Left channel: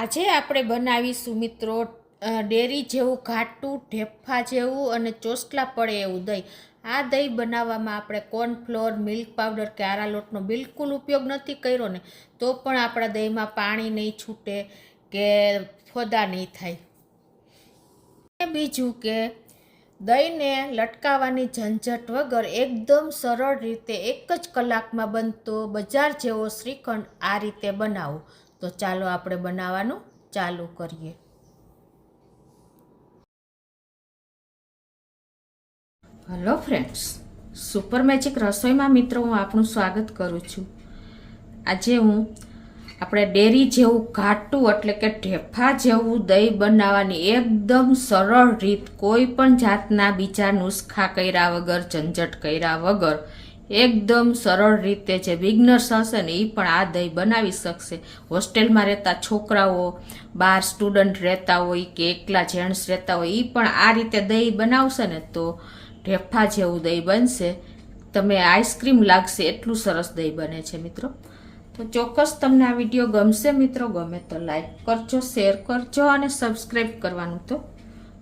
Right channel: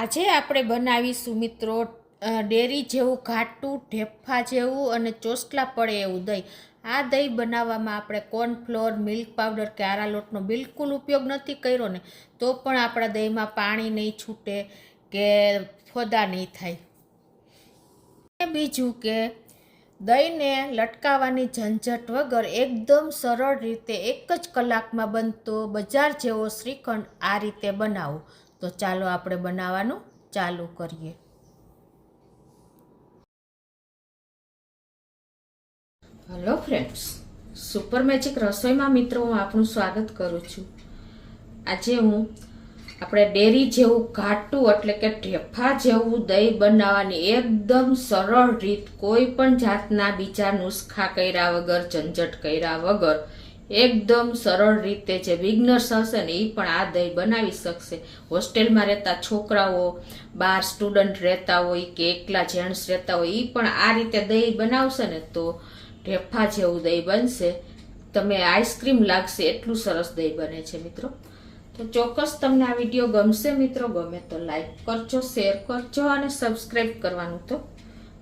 આજે આપણે બનાવીશું મિત્રો ડેરી જેવું ઘાટું ઢેફા જેવું અને ચોસલા પડે એવું દહીં. આ દહીં બનાવવામાં આપણે કોર્નફ્લોર, મિલ્ક પાવડર કે આરા લોટનો બિલકુલ ઉપયોગ નથી કર્યો ને તો પણ આપણા દહીંમાં પાણી નહીં છૂટે કે ફોદા નહીં થાય. બીજું કે દહીંને લટકાવવાની ઝંઝટ વગર એકદમ સરળ રીતે 1 જ કલાકમાં બનતો બજાર જેવો શ્રીખંડ આ રીતે બનાવો. તો ચાલો આપણે બનાવવાનું ચાલુ કરીએ. હેલો ફ્રેન્ડ્સ, સુપર મેજિક રસોઈમાં મિત્રો હું આપનું સ્વાગત કરું છું. આજે હું આપણે ડેરી જેવું ઘાટું એટલે કે ઢેફા જેવું દહીં બનાવવાની એકદમ સરળ રીત, કોઈ પણ જાતના બીજા નુસ્ખા કર્યા વગર, ઝંઝટ કર્યા વગર એકદમ સરળ રીતે જે બિગનર્સ હશે ને એ પણ આ દહીં બનાવી શકશે. હોસ્ટેલમાં રહેતા છોકરાઓ, બાર સ્ટુડન્ટ રહેતા હોય કે એકલા જેન્ટ્સ રહેતા હોય એ પણ આ રીતે દહીં બનાવશે ને તો ઢેફા જેવું દહીં બનશે. તમે આઈસ્ક્રીમ લાગશે એટલું સરસ દહીં બને છે મિત્રો. તો ચોક્કસ તમને આ વિડીયો ગમશે મિત્રો. ગમે તો લાઈક કરજો, શેર કરજો અને સબસ્ક્રાઈબ કરવાનું તો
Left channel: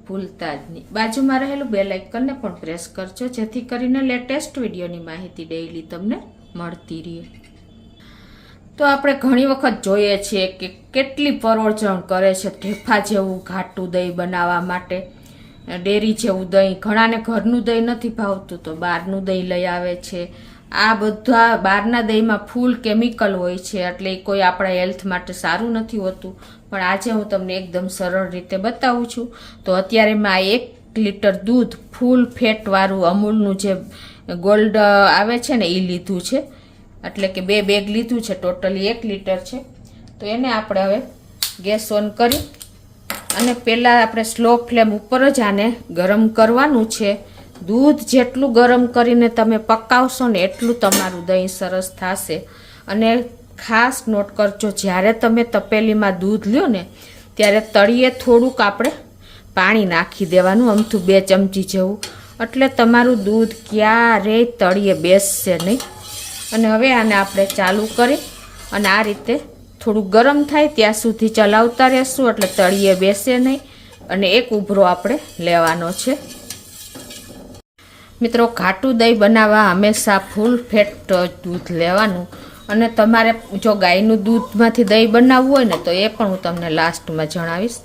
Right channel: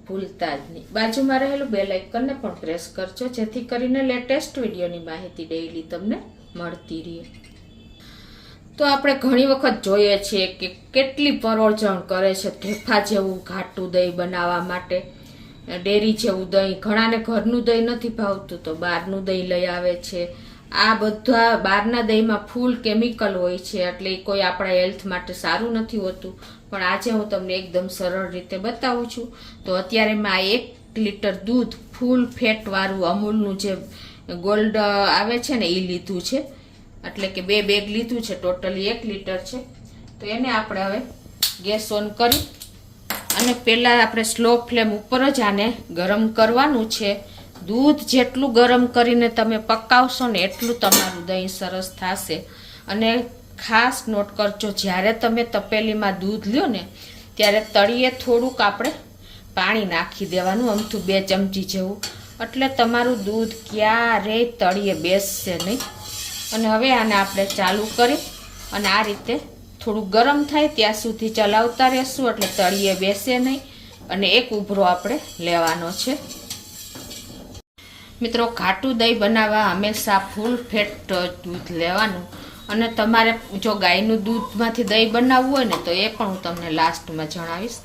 ભૂલતા જ નહીં. બાજુમાં રહેલું બેલ આઇકનને પણ પ્રેસ કરજો જેથી કરીને લેટેસ્ટ વિડીયોની માહિતી ડેઈલી તમને મળતી રહે. તો આપણે ઘણી વખત જોઈએ છીએ કે કેટલી પરોળજણ કરે છે ઢેફા જેવું ઘાટું દહીં બનાવવા માટે. ડેરી જેવું દહીં, ઘણાને ઘરનું દહીં નથી ભાવતું તો બહારનું દહીં લઈ આવે છે. આ બધા બહારના દહીંમાં ફૂલ કેમિકલ હોય છે એટલે એ કોઈ આપણા હેલ્થ માટે સારું નથી હોતું. પણ આજે હું તમને એકદમ સરળ રીતે બતાવું છું. તો અત્યારે મેં 1 લીટર દૂધ ફૂલ ફેટવાળું અમૂલનું જે ગોલ્ડ આવે છે ને એ લીધું છે. એટલે કે 2 બેગ લીધું છે, ટોટલી 1 લીટર છે. તો એને આપણે હવે ગેસ ઓન કરી અને પહેલાં આપણે સ્લો ફ્લેમ ઉપર જ આને ગરમ કરવાનું છે. દૂધ જેટલું ગરમ કરીને તમે પકાવશો ને એટલું તમારું દહીં સરસ થશે. અને ખાસ નોટ કરજો, જ્યારે તમે તપેલીમાં દૂધ લ્યો ને ત્યારે તળિયે થોડુંક આપણે પાણી નાખી દેવાનું, અમથું 2 ચમચી જેવું, એટલે તમારું દૂધ ક્યારેય તળિયે બેસશે નહીં. અને હવે આને આપણે ચાલુ કરી અને આ રીતે થોડું ગરમ થાય ત્યાં સુધી ચલાવતા રહેશું એટલે તળિયે બેસે નહીં. અને એક ઉભરો આપણે લેવાનો છે. મિત્રો, ઘાટું દહીં બનાવવા હંમેશા ફૂલ ફેટ દૂધ લેવાનું. અને તમારે જો ગાયનું દૂધમાંથી દહીં બનાવવું હોય ને તો એ પણ હું તમને લાસ્ટમાં જણાવીશ.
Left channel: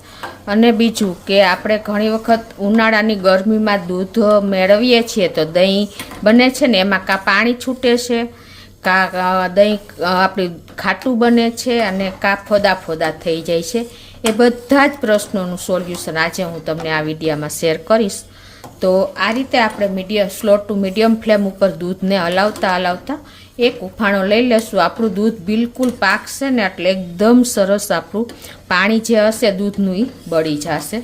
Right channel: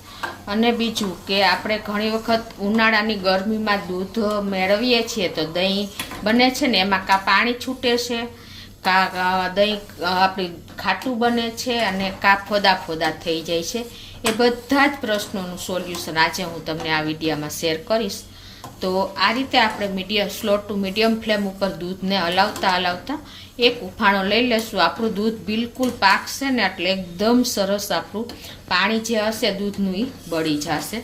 અને બીજું કે આપણે ઘણી વખત ઉનાળાની ગરમીમાં દૂધ મેળવીએ છીએ તો દહીં બને છે ને એમાં કાં પાણી છૂટે છે, કાં દહીં આપણે ખાટું બને છે અને કાં ફોદા ફોદા થઈ જાય છે. એ બધા જ પ્રશ્નોનું સોલ્યુશન આજે હું તમને આ વિડીયોમાં શેર કરીશ. તો આ રીતે આપણે સ્લો ટુ મીડિયમ ફ્લેમ ઉપર દૂધને હલાવતા એક ઉફાણો લઈ લેશું. આપણું દૂધ બિલકુલ પાકશે ને એટલે એકદમ સરસ આપણું પાણી જે હશે દૂધનું એ બળી જશે.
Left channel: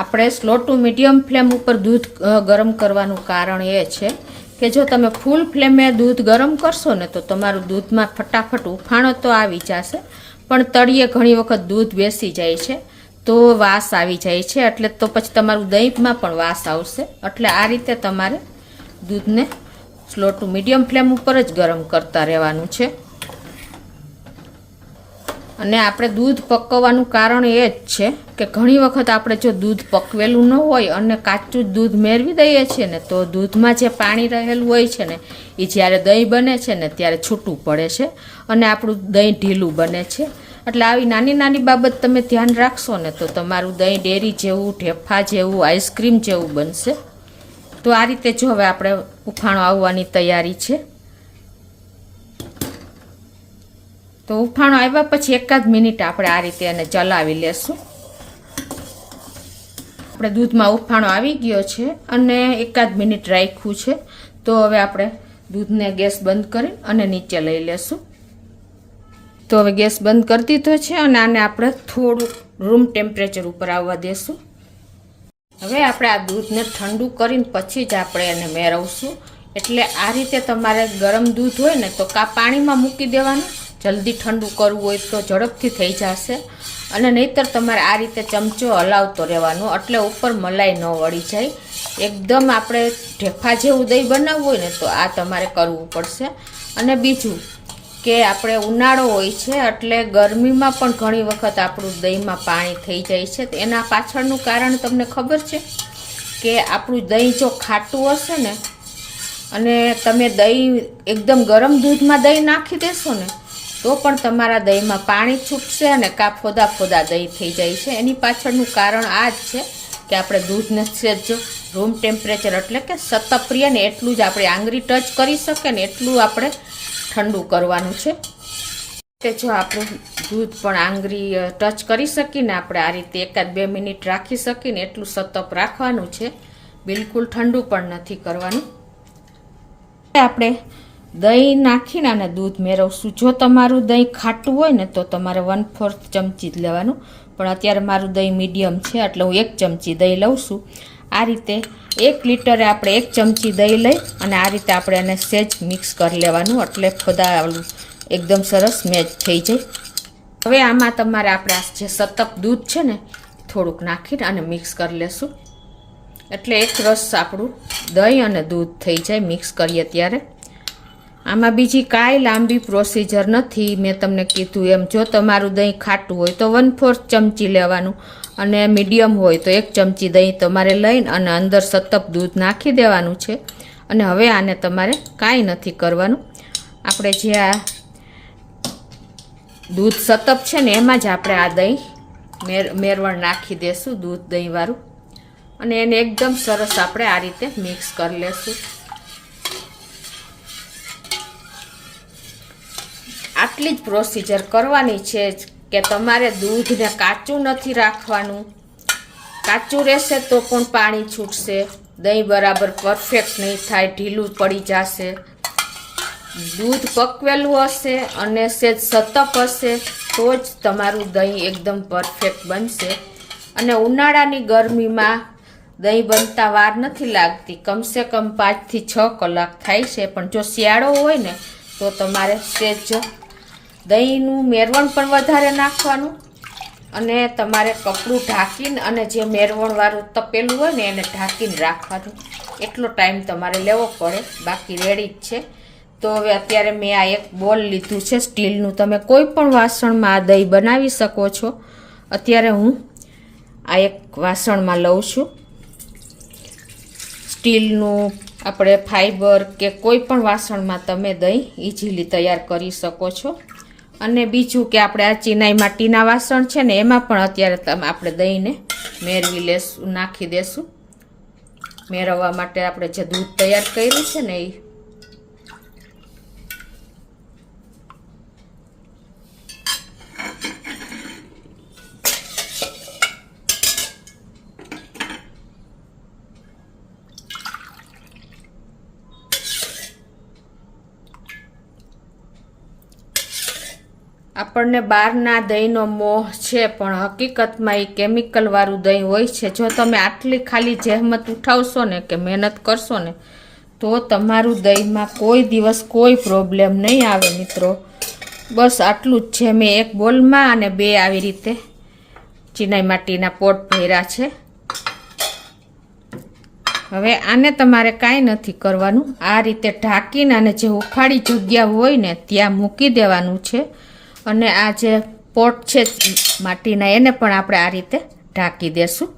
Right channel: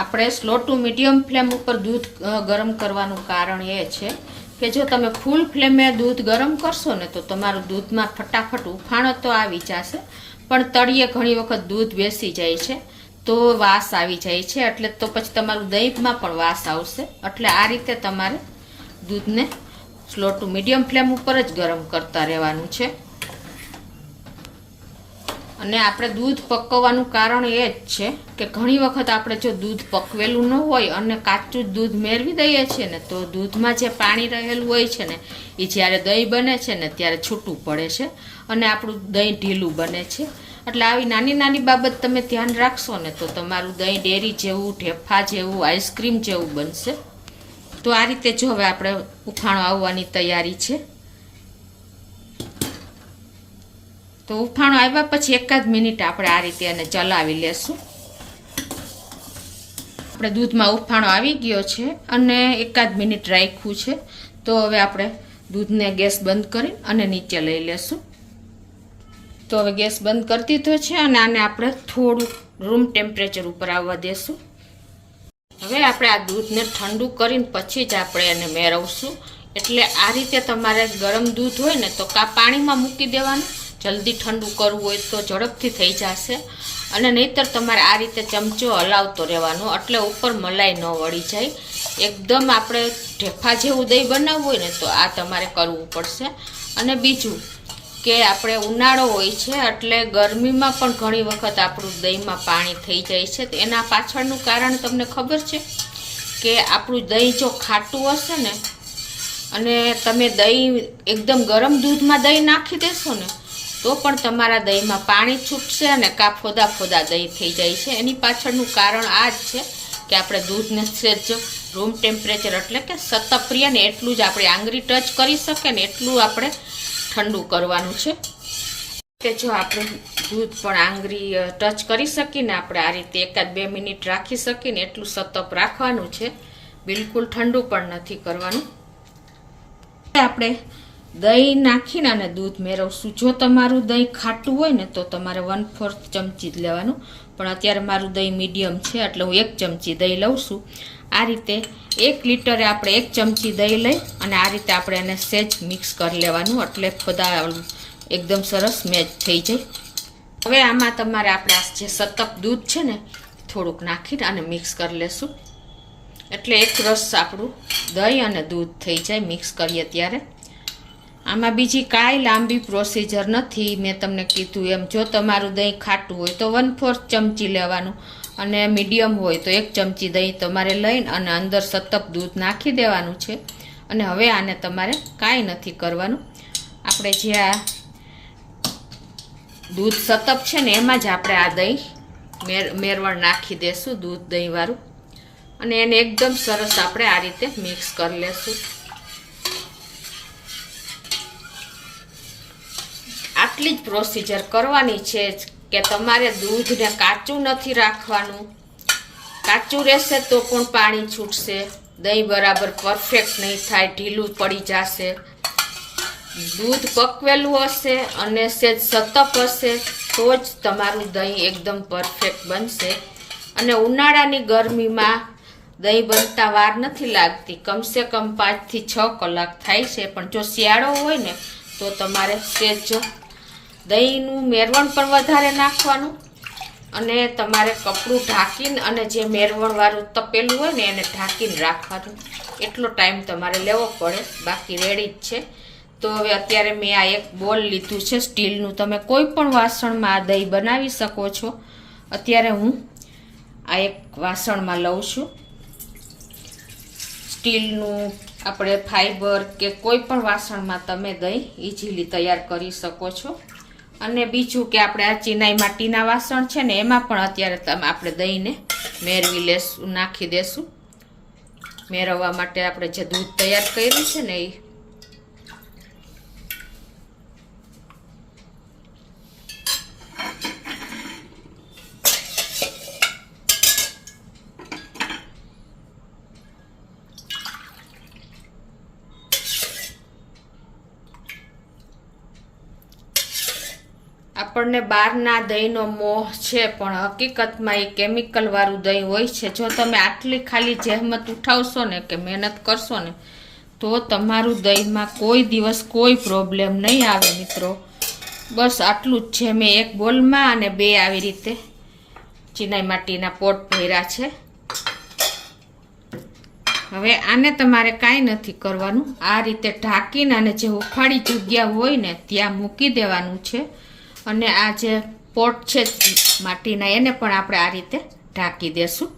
આપણે સ્લો ટુ મીડિયમ ફ્લેમ ઉપર દૂધ ગરમ કરવાનું કારણ એ છે કે જો તમે ફૂલ ફ્લેમે દૂધ ગરમ કરશો ને તો તમારું દૂધમાં ફટાફટ ઉફાણો તો આવી જશે, પણ તળિયે ઘણી વખત દૂધ બેસી જાય છે તો વાસ આવી જાય છે. એટલે તો પછી તમારું દહીંમાં પણ વાસ આવશે. એટલે આ રીતે તમારે દૂધને સ્લો ટુ મીડિયમ ફ્લેમ ઉપર જ ગરમ કરતા રહેવાનું છે. અને આપણે દૂધ પકવવાનું કારણ એ જ છે કે ઘણી વખત આપણે જો દૂધ પકવેલું ન હોય અને કાચું જ દૂધ મેળવી દઈએ છીએ ને તો દૂધમાં જે પાણી રહેલું હોય છે ને એ જ્યારે દહીં બને છે ને ત્યારે છૂટું પડે છે અને આપણું દહીં ઢીલું બને છે. એટલે આવી નાની નાની બાબત તમે ધ્યાન રાખશો ને તો તમારું દહીં ડેરી જેવું, ઢેફા જેવું, આઈસ્ક્રીમ જેવું બનશે. તો આ રીતે જો હવે આપણે ઉફાણો આવવાની તૈયારી છે. તો ઉફાણો આવ્યા પછી 1 મિનિટ આપણે આ રીતે એને ચલાવી લેશું. આપણે દૂધમાં ઉફાણો આવી ગયો છે અને 1 મિનિટ રાખ્યું છે. તો હવે આપણે દૂધને ગેસ બંધ કરી અને નીચે લઈ લેશું. તો હવે ગેસ બંધ કરી દીધો છે અને આને આપણે થોડું રૂમ ટેમ્પરેચર ઉપર આવવા દેશું. હવે આપણે આ દૂધને ઠંડુ કરીને પછી જ આપણે એને મેળવશું. એટલે આ રીતે તમારે ગરમ દૂધ હોય ને તો કાં પાણીમાં મૂકી દેવાનું, જલ્દી ઠંડુ કરવું હોય તો ઝડપથી થઈ જશે. અને નહીંતર તમારે આ રીતે ચમચો હલાવતો રહેવાનો એટલે ઉપર મલાઈ ન વળી જાય. એકદમ આપણે ઢેફા જેવું દહીં બનાવવું હોય ને તો આ તમારે કરવું પડશે. અને બીજું કે આપણે ઉનાળો હોય છે એટલે ગરમીમાં પણ ઘણી વખત આપણું દહીંમાં પાણી થઈ જાય છે. તો એના પાછળનું કારણ તમને ખબર છે કે આપણું દહીં જો ખાટું હશે ને અને તમે દહીં એકદમ ગરમ દૂધમાં દહીં નાખી દેશો ને તો પણ તમારા દહીંમાં પાણી છૂટશે અને ફોદા ફોદા દહીં થઈ જાય છે. એની પાછળનું કારણ આ જ છે કે આપણે દૂધને સેજ રૂમ ટેમ્પરેચર એટલે કે સતપ્રિય ને એટલું જ આપણે આંગળી ટચ કરી શકે ને એટલું આપણે ઠંડુ કરવાનું છે. કે જો આપણે દૂધ પણ આંગળી ટચ કરી શકીને આપણે આ રીતે 1-2 મિનિટ રાખી શકીને એટલું સતપ રાખવાનું છે. બિલકુલ ઠંડુ પણ નથી કરવાનું. આપણે દહીં નાખીને અને દૂધ મેળવશું. જો તમારું દહીં ખાટું હોય ને તો તમારે 1/4 ચમચી જ લેવાનું, પણ અત્યારે મારું દહીં મીડિયમ છે એટલે હું 1 ચમચી દહીં લઉં છું. આ રીતે 1 લીટરે આપણે 1 ચમચી દહીં લઈ અને આ રીતે આપણે એને સેજ મિક્સ કરી લેવાનું એટલે ખોદા એકદમ સરસ મેચ થઈ જાય. હવે આમાં તમારે આપણે આ જે સતપ દૂધ છે ને થોડુંક નાખીને અને મિક્સ કરી લેશું એટલે એક રસ આપણું દહીં અને દૂધ થઈ જાય મિક્સ કરીએ ત્યારે. આમાં બીજી કાંઈ લાંબી પ્રોસિજર નથી. મેં તમને કીધું એમ જો તમારું દહીં ખાટું હોય તો 1/4 ચમચી લેવાનું અને મીડિયમ હોય તો 1 ચમચી દહીં તમારે લઈને અને અંદર સતપ દૂધ નાખી દેવાનું છે. અને હવે આને તમારે કાંઈ નથી કરવાનું. આપણે જે આ દૂધ સતપ છે ને એમાં જ આપણે આ દહીં મેરવણ નાખી દેશું, દૂધ દહીંવાળું, અને એને એકદમ સરસ આપણે આ રીતે મિક્સ કરી લેશું. આટલી જ પ્રોસિજર કરવાની છે કે તમારે દૂધને કાચું નથી રાખવાનું. કાચું રહેશે તો પણ પાણી છૂટશે, દહીં બરાબર પરફેક્ટ નહીં થાય, ઢીલું પડી જશે. દૂધ પકવેલું હશે અને સેજ સતપ હશે તો જ તમારું દહીં એકદમ પરફેક્ટ બનશે. અને ઉનાળાની ગરમીમાં દહીં બનતા વાર નથી લાગતી, કમસે કમ 5 થી 6 કલાક થાય છે. પણ જો શિયાળો હોય ને તો તમારે સેજ દહીંનું મેરવણ પણ વધારે નાખવાનું અને તમારે કપડું ઢાંકીને અને જે મેરવણવાળું તપેલું હોય ને એને ઢાંકીને રાખવાનું. એટલો ટાઈમ તમારે લેવો પડે, બાકી રેડી જ છે. તો હવે અત્યારે મેં આ એક બોલ લીધું છે સ્ટીલનું. તમે કોઈ પણ વાસણમાં આ દહીં બનાવી શકો છો. અત્યારે હું આ એક વાસણમાં લઉં છું. સ્ટીલનું આપણે ફાઈબર કે કોઈ પણ વાસણમાં તમે દહીં ઇઝીલી તૈયાર કરી શકો છો. અને બીજું કે આપણે આ ચિનાઈ માટીના વાસણ છે ને એમાં પણ અત્યારે આપણે દહીંને મેળવી લેશું, નાખી દેશું. મેળવવા માટે આપણે જે દૂધ તૈયાર કર્યું છે ને એ આપણને બહારના દહીંનો મોહ છે પણ હકીકતમાં એ કેમિકલ વાળું દહીં હોય છે. જો તમે આટલી ખાલી જહેમત ઉઠાવશો ને કે મહેનત કરશો ને તો તમારું દહીંમાં કોઈ દિવસ કોઈ પ્રોબ્લેમ નહીં આવે મિત્રો. બસ આટલું જ છે. મેં એક બોલમાં અને 2 આવી રીતે ચિનાઈ માટીના પોટ ભર્યા છે. હવે આને તમારે કાંઈ નથી કરવાનું. આ રીતે ઢાંકીને અને જે ઉખાડી જગ્યા હોય ને ત્યાં મૂકી દેવાનું છે. અને આ જે પોટ છે માટીના એને પણ આપણે આ રીતે ઢાંકી દેશું.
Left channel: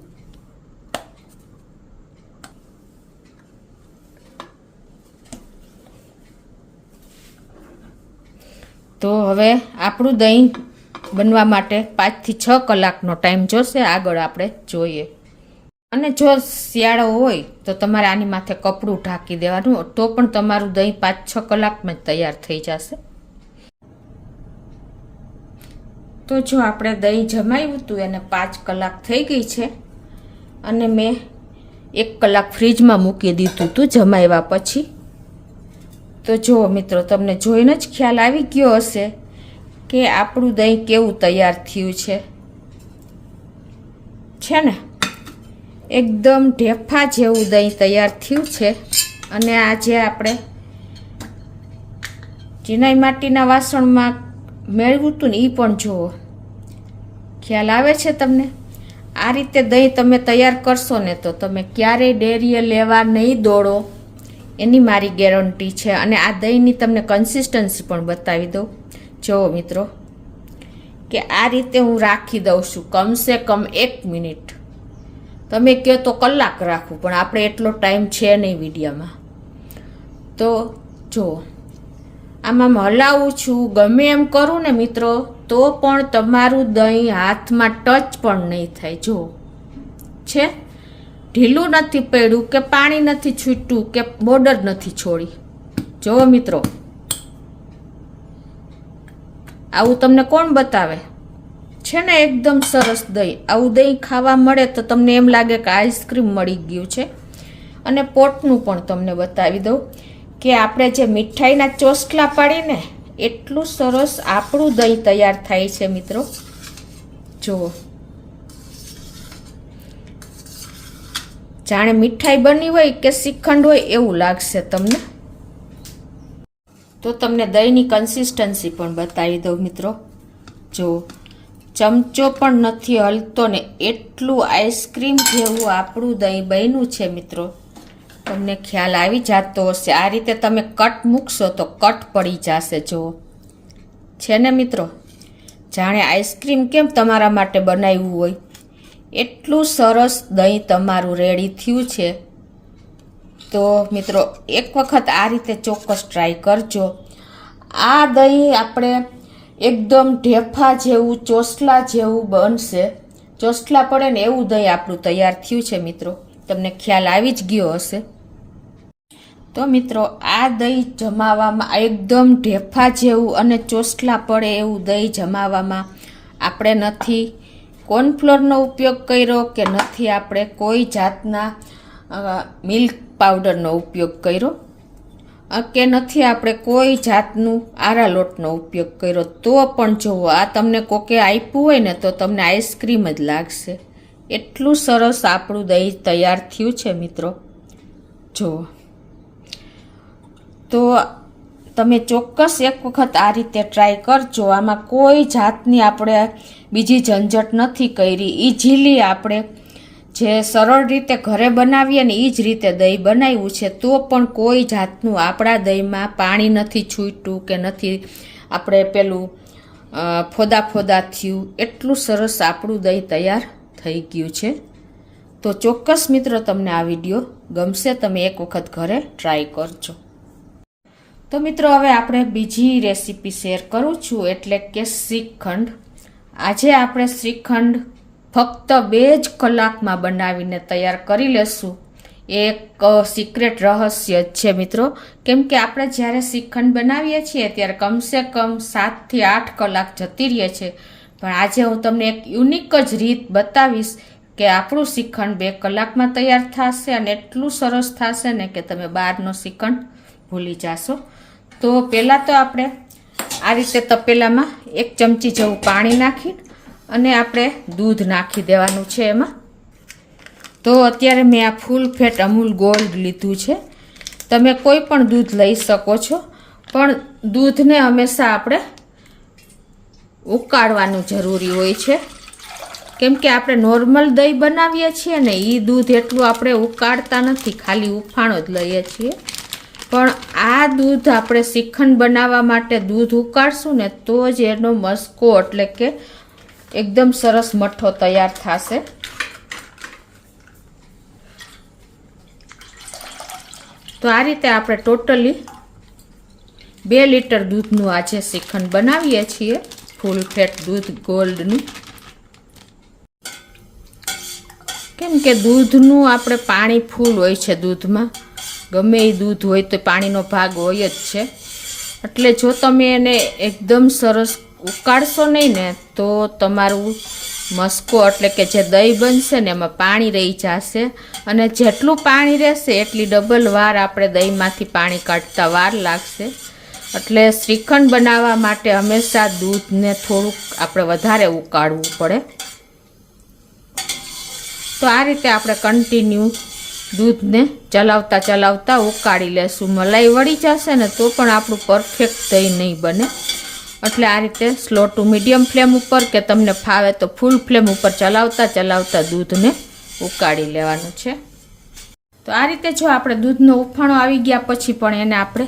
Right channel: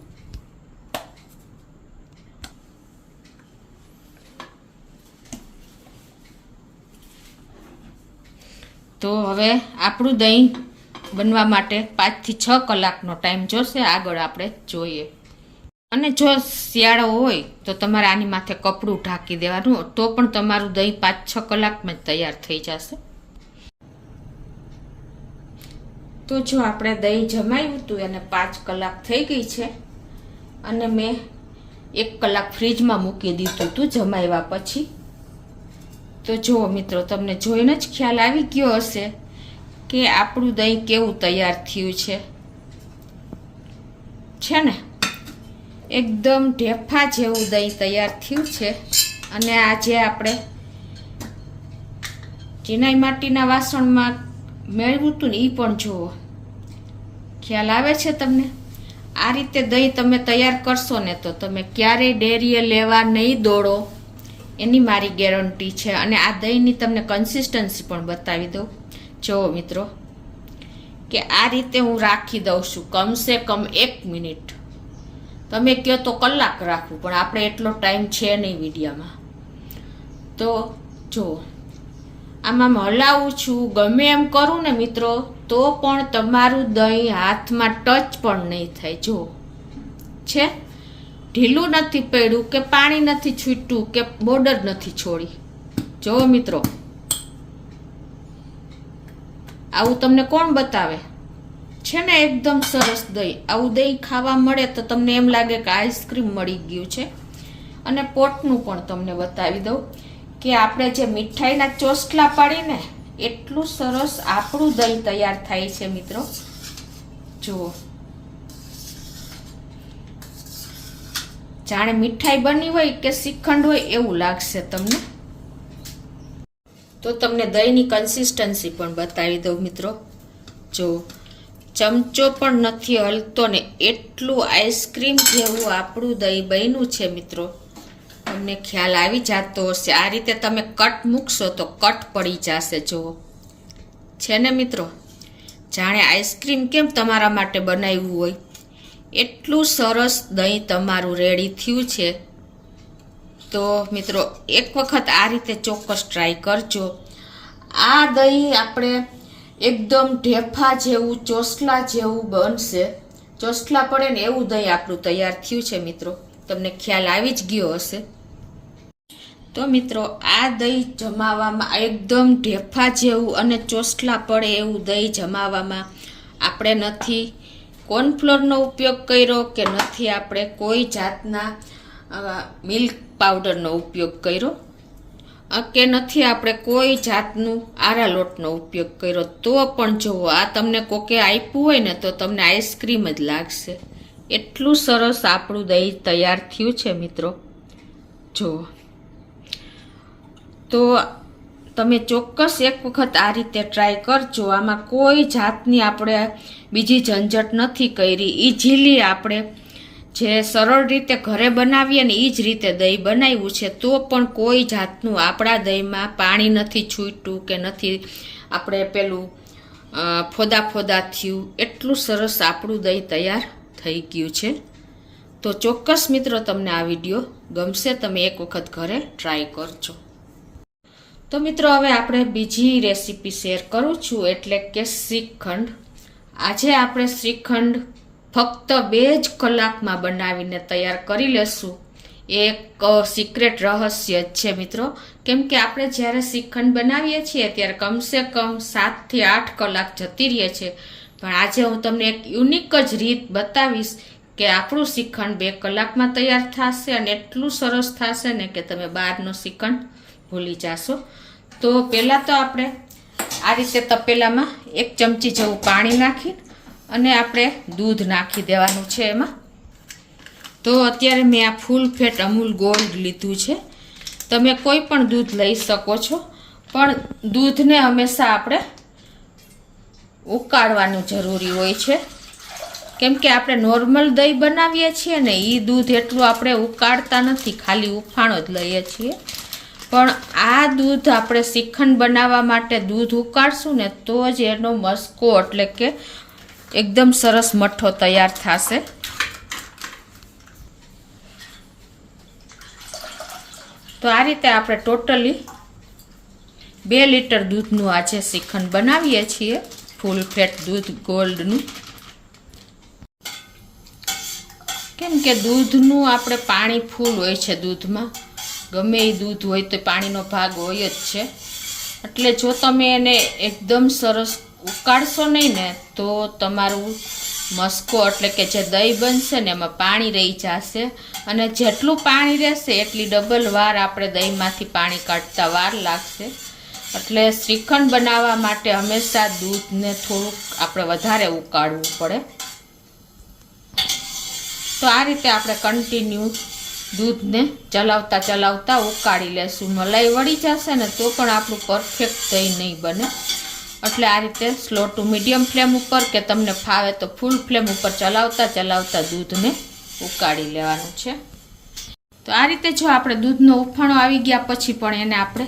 તો હવે આપણું દહીં બનવા માટે 5 થી 6 કલાકનો ટાઈમ જોશે. આગળ આપણે જોઈએ. અને જો શિયાળો હોય તો તમારે આની માથે કપડું ઢાંકી દેવાનું, તો પણ તમારું દહીં 5-6 કલાકમાં જ તૈયાર થઈ જશે. તો જો આપણે દહીં જમાવ્યું હતું એને 5 કલાક થઈ ગઈ છે અને મેં 1 કલાક ફ્રીજમાં મૂકી દીધું હતું જમાવ્યા પછી. તો જુઓ મિત્રો, તમને જોઈને જ ખ્યાલ આવી ગયો હશે કે આપણું દહીં કેવું તૈયાર થયું છે ને એકદમ ઢેફા જેવું દહીં તૈયાર થયું છે. અને આ જે આપણે ચિનાઈ માટીના વાસણમાં મેળવ્યું હતું ને એ પણ જુઓ, ખ્યાલ આવે છે તમને. આ રીતે દહીં તમે તૈયાર કરશો ને તો તમે ક્યારેય ડેરીએ લેવા નહીં દોડો, એની મારી ગેરંટી છે. અને આ દહીંની તમને કન્સિસ્ટન્સી પણ બતાવી દઉં. જુઓ મિત્રો કે આ રીતે હું રાખી દઉં છું કમસે કમ 1 મિનિટ. તમે કહો તો કલાક રાખવું, પણ આપણે એટલો ટાઈમ છે નહીં વિડીયોમાં. તો જો આમાં હલાવું છું, ગમે એમ કરું ને મિત્રો તો પણ તમારું દહીં હાથમાં ટચ પણ નહીં થાય. જો છે ઢીલું નથી પડ્યું કે પાણી નથી છૂટ્યું કે બોર્ડર નથી છોડી. જો મિત્રો આવું તમને કોણ બતાવે છે ને? એકદમ સરસ દહીં. આવું દહીં ખાવા મળે તો તમને એમ લાગે કે આઈસ્ક્રીમ મળી ગયું છે. અને પોટનું પણ તમને બતાવી દઉં કે આપણે જે મીઠાઈના ચોસલા પાડીને એટલું સરસ આપણું દહીં તૈયાર થાય છે મિત્રો. જુઓ જાણે મીઠાઈ બની હોય કે શ્રીખંડ હોય એવું લાગશે તમને. તો તમને દહીંની કન્સિસ્ટન્સી પણ બતાવી દઉં મિત્રો. જો ચમચો પણ નથી હલતો ને એટલું આઈસ્ક્રીમ જેવું આપણું દહીં બન્યું છે મિત્રો. તમને ખ્યાલ આવી જતો હશે. આ રીતે તમે કટ મૂકશો તો કટ પડી જશે. જુઓ છે ને મિત્રો, જાણે આઈસ્ક્રીમ કેમ તમારા માટે બનાવ્યું હોય એટલું સરસ દહીં તમારું રેડી થયું છે. તો મિત્રો એક વખત આ રીતે ચોક્કસ ટ્રાય કરજો. આ દહીં આપણે એકદમ ઢેફા જેવું ચોસલા જેવું બનશે. ચોસલા પડે ને એવું દહીં આપણું તૈયાર થયું છે મિત્રો. તમને ખ્યાલ આવી જ ગયો હશે. તો મિત્રો આ દહીં જમાવામાં એકદમ ઢેફા જેવું અને ચોસલા પડે એવું દહીં જમાવામાં આપણે નથી કોર્નફ્લોરનો ઉપયોગ કર્યો કે નથી આપણે કોઈ જાતના મિલ્ક પાવડરનો ઉપયોગ કર્યો કે નથી આપણે કોઈ જાતનું આરા લોટનો ઉપયોગ કર્યો. તો પણ જુઓ આ તમને કોકે આપ્યું હોય ને તો તમને આઈસ્ક્રીમ જ લાગશે. એટલું સરસ આપણું દહીં તૈયાર થયું છે મિત્રો. જુઓ તો તમે ચોક્કસ એક વખત આ રીતે ટ્રાય કરજો. આમાં કોઈ જાતની આપણે બીજી ઝંઝટ નથી કરી. ઇઝીલી આપણે જે સરળ રીતે ઘરે બનાવીએ ને એ જ રીતે દહીં બનાવ્યું છે. તો પણ કોઈ જાતનું આપણા દહીંમાં પાણી નથી છૂટ્યું કે નથી આપણે પેલું ફોદા ફોદા થયું. એટલું સરસ આપણું દહીં તૈયાર થઈ ગયું છે. તો ચોક્કસ મિત્રો તમને આ વિડીયો ગમશે. તમે એક વખત ઘરે ટ્રાય કરજો. તો મિત્રો હવે આપણે બીજી રેસીપી શેર કરું છું, એટલે કે શ્રીખંડ. આજે આપણે શ્રીખંડ ફક્ત 2 જ કલાકમાં બનાવીને તૈયાર કરી લેશું. એક સિક્રેટ રહસ્ય જ છે મિત્રો. કેમ કે આપણે જ્યારે શ્રીખંડ બનાવીએ છીએ ત્યારે કમસે કમ 7 થી 8 કલાક જતી રહે છે. પણ આજે હું તમને એક યુનિક જ રીત બતાવીશ કે આપણું શ્રીખંડ 2 કલાકમાં તૈયાર થશે અને એટલું સરસ થશે ને કે તમે બહારનો શ્રીખંડ ભૂલી જશો. તો પહેલાં તો આપણે આ રીતે તપેલામાં 1 ચમચી જેવું પાણી નાખી અને આપણે દૂધ નાખી દેવાનું છે એમાં. તો અત્યારે મેં આ ફૂલ ફેટ અમૂલ ગોલ્ડ લીધું છે. તમે કોઈ પણ દૂધ લઈ શકો છો, પણ દૂધને હંમેશા આપણે ઉકાળવાનું જરૂરી હોય છે. કેમ કે આપણે નોર્મલ દહીં બનાવીએ છીએ ને એ દૂધ એટલું આપણે ઉકાળતા નથી, ખાલી ઉફાણો જ લઈએ છીએ. પણ આ દૂધ આપણે શ્રીખંડ બનાવવા માટે દૂધ ઉકાળશું ને તો જ એનો મસ્કો એટલે કે એકદમ સરસ મઠ્ઠો તૈયાર થશે. તો આ રીતે આપણે ટોટલી 2 લીટર દૂધનું આજે શ્રીખંડ બનાવીએ છીએ, ફૂલ ફેટ દૂધ ગોલ્ડનું. કેમ કે દૂધનું આપણે પાણી ફૂલ હોય છે દૂધમાં. ગમે એ દૂધ હોય તો પાણીનો ભાગ હોય જ છે. એટલે જો તમે એને એકદમ સરસ ઉકાળશો નહીં ને તો તમારું મસ્કો એટલે કે જે દહીં બનશે ને એમાં પાણી રહી જશે. અને જેટલું પાણી રહેશે એટલી ડબલ વાર આપણે દહીંમાંથી પાણી કાઢતા વાર લાગશે. એટલે શ્રીખંડ બનાવવા માટે હંમેશા દૂધને થોડુંક આપણે વધારે ઉકાળવું પડે. તો આ રીતે આપણે કન્ટિન્યુ દૂધને ચલાવતા ચલાવતા ઉકાળી લેશું. મલાઈ વળી જશે ને તો પણ આપણું પરફેક્ટ દહીં નહીં બને. એટલે આ રીતે સ્લો ટુ મીડિયમ ફ્લેમ ઉપર કે તમને ફાવે તો ફૂલ ફ્લેમ ઉપર ચલાવતા ચલાવતા દૂધને ઉકાળી લેવાનું છે. તો આ રીતે જો આપણે દૂધનો ઉફાણો આવી ગયા પછી પણ એને આપણે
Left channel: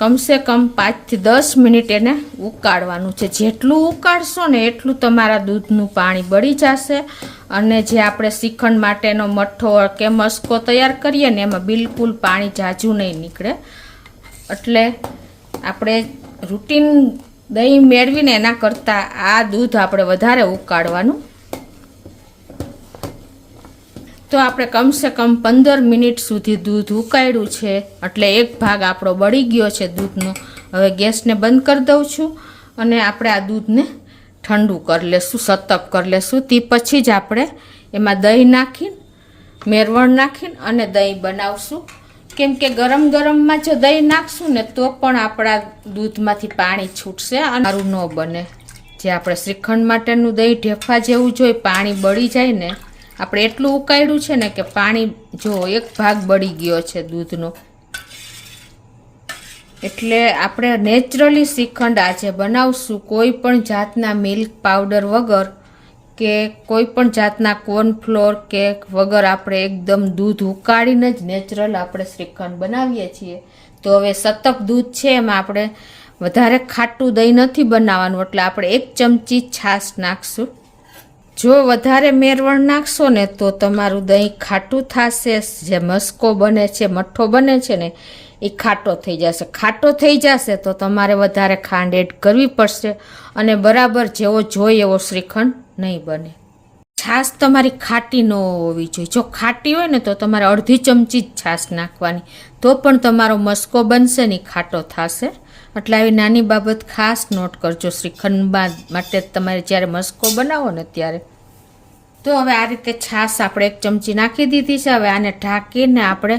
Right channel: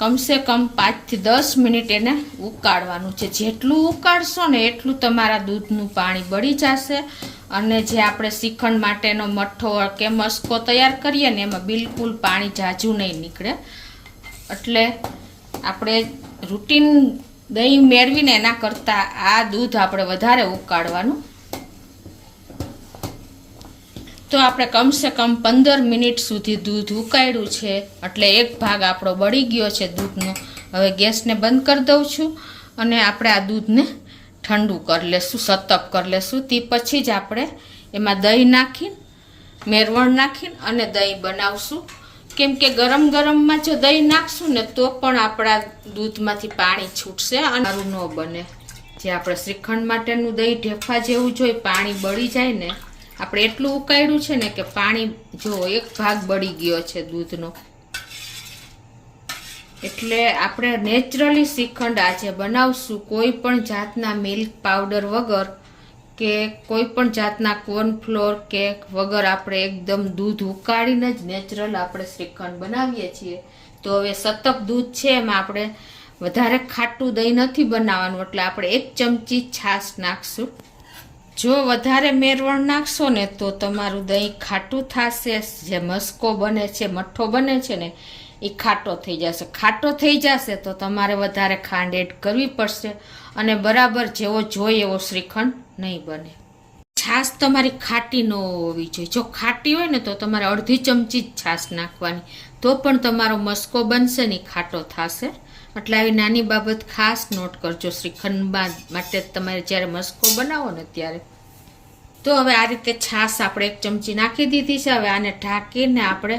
કમસે કમ 5 થી 10 મિનિટ એને ઉકાળવાનું છે. જેટલું ઉકાળશો ને એટલું તમારા દૂધનું પાણી બળી જશે અને જે આપણે શ્રીખંડ માટેનો મઠ્ઠો કે મસ્કો તૈયાર કરીએ ને એમાં બિલકુલ પાણી ઝાઝું નહીં નીકળે. એટલે આપણે રૂટીન દહીં મેળવીને એના કરતાં આ દૂધ આપણે વધારે ઉકાળવાનું. તો આપણે કમસે કમ 15 મિનિટ સુધી દૂધ ઉકાળ્યું છે એટલે એક ભાગ આપણો બળી ગયો છે દૂધનો. હવે ગેસને બંધ કરી દઉં છું અને આપણે આ દૂધને ઠંડુ કરી લેશું, સતપ કરી લેશું. તે પછી જ આપણે એમાં દહીં નાખીને મેરવણ નાખીને અને દહીં બનાવશું. કેમ કે ગરમ ગરમમાં જો દહીં નાખશું ને તો પણ આપણા દૂધમાંથી પાણી છૂટશે અને સારું ન બને. જે આપણે શ્રીખંડ માટેનું દહીં ઢેફા જેવું જોઈએ પાણી બળી જાય ને, આપણે એટલું ઉકાળ્યું છે ને કે પાણી જો એક ભાગ બળી ગયો છે દૂધનો. એટલે આપણે નેચરલી શ્રીખંડ આજે બનાવશું, કોઈ પણ જાતના મિલ્ક પાવડર વગર કે કોઈ પણ જાતના કોર્નફ્લોર કે વગર આપણે એકદમ દૂધ ઉકાળીને જ નેચરલ આપણે શ્રીખંડ બનાવીએ છીએ. તો હવે સતપ દૂધ છે એમાં આપણે વધારે ખાટું દહીં નથી બનાવવાનું એટલે આપણે 1 ચમચી છાશ નાખશું. જો વધારે મેરવણ નાખશો ને તો તમારું દહીં ખાટું થશે. જે મસ્કો બને છે, મઠ્ઠો બને છે ને એ ખાટો થઈ જશે. ખાટો થઈ જશે તો તમારે વધારે ખાંડ એડ કરવી પડશે અને બરાબર જેવો જોઈએ એવો શ્રીખંડ નહીં બને. છાશ તમારી ખાટી ન હોવી જોઈએ. જો ખાટી હોય ને તો તમારે 1/2 ચમચી જ છાશ નાખવાની, તો પણ તમારો મસ્કો બનશે ને ખાટો થશે. એટલે આવી નાની બાબત ખાસ નોટ કરજો શ્રીખંડ માટે તમારે જ્યારે મસ્કો બનાવો ને ત્યારે. તો હવે આ રીતે છાશ આપણે 1 ચમચી નાખી દીધી છે. હવે આને ઢાંકીને આપણે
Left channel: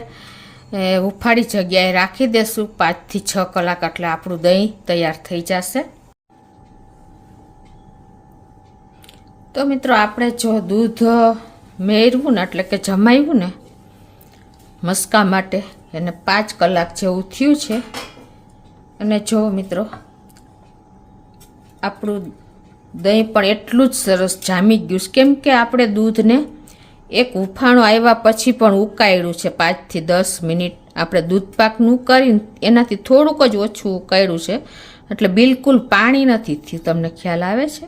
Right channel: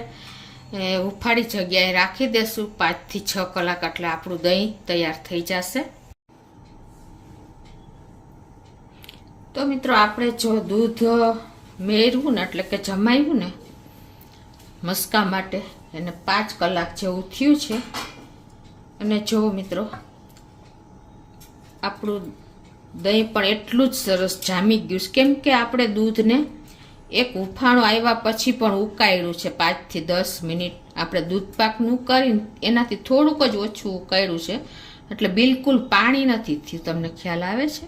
ઉફાળી જગ્યાએ રાખી દેશું 5 થી 6 કલાક. એટલે આપણું દહીં તૈયાર થઈ જશે. તો મિત્રો આપણે જો દૂધ મેળવ્યું ને એટલે કે જમાવ્યું ને મસ્કા માટે એને 5 કલાક જેવું થયું છે. અને જો મિત્રો આપણું દહીં પણ એટલું જ સરસ જામી ગયું છે. કેમ કે આપણે દૂધને એક ઉફાણો આવ્યા પછી પણ ઉકાળ્યું છે 5 થી 10 મિનિટ. આપણે દૂધ પાકનું કરીને એનાથી થોડુંક જ ઓછું ઉકાળ્યું છે એટલે બિલકુલ પાણી નથી થયું. તમને ખ્યાલ આવે છે?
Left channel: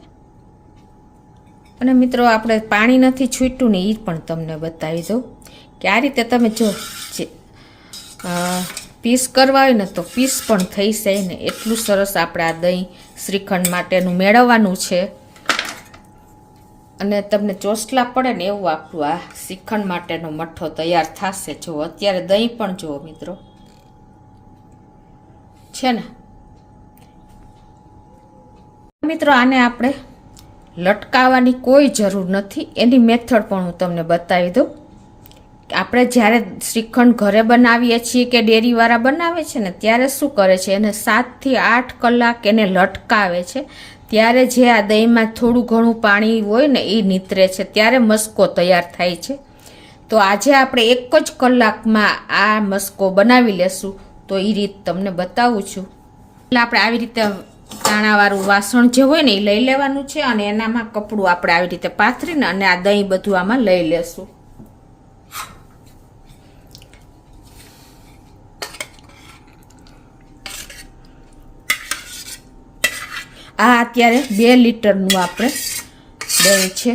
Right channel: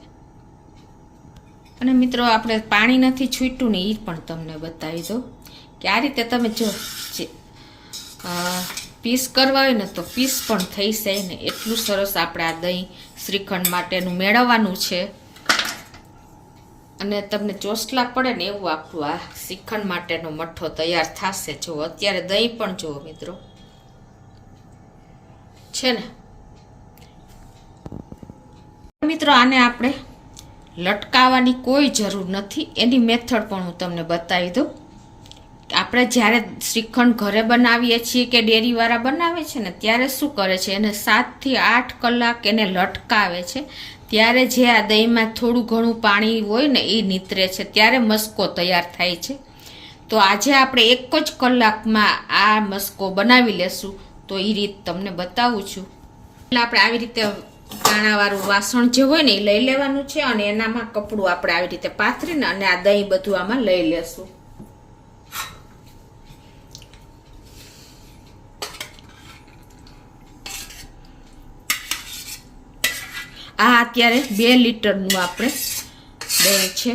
અને મિત્રો આપણે પાણી નથી છૂટ્યું ને એ પણ તમને બતાવી દઉં કે આ રીતે તમે જો પીસ કરવા હોય ને તો પીસ પણ થઈ જાય ને એટલું સરસ આપણે આ દહીં શ્રીખંડ માટેનું મેળવવાનું છે. અને તમને ચોસલા પડે ને એવું આપણું આ શ્રીખંડ માટેનો મઠ્ઠો તૈયાર થશે. જો અત્યારે દહીં પણ જુઓ મિત્રો છે ને. મિત્રો આને આપણે લટકાવવાની કોઈ જરૂર નથી. એની મેથડ પણ હું તમને બતાવી દઉં. આપણે જ્યારે શ્રીખંડ ઘરે બનાવીએ છીએ કે ડેરીવાળા બનાવે છે ને ત્યારે શું કરે છે, એને 7 થી 8 કલાક એને લટકાવે છે. ત્યારે જે આ દહીંમાં થોડું ઘણું પાણી હોય ને એ નીતરે છે, ત્યારે મસ્કો તૈયાર થાય છે. તો આજે આપણે 1 જ કલાકમાં આ મસ્કો બનાવી લેશું. તો એ રીત તમને બતાવું છું. એટલે આપણે આવી રીતે કાણાવાળું વાસણ જે હોય ને એ લઈ લેવાનું છે અને એનામાં કપડું આપણે આવી રીતે પાથરીને અને આ દહીં બધું આમાં લઈ લેશું. આ અત્યારે 2 લીટરનું આપણે દહીં છે.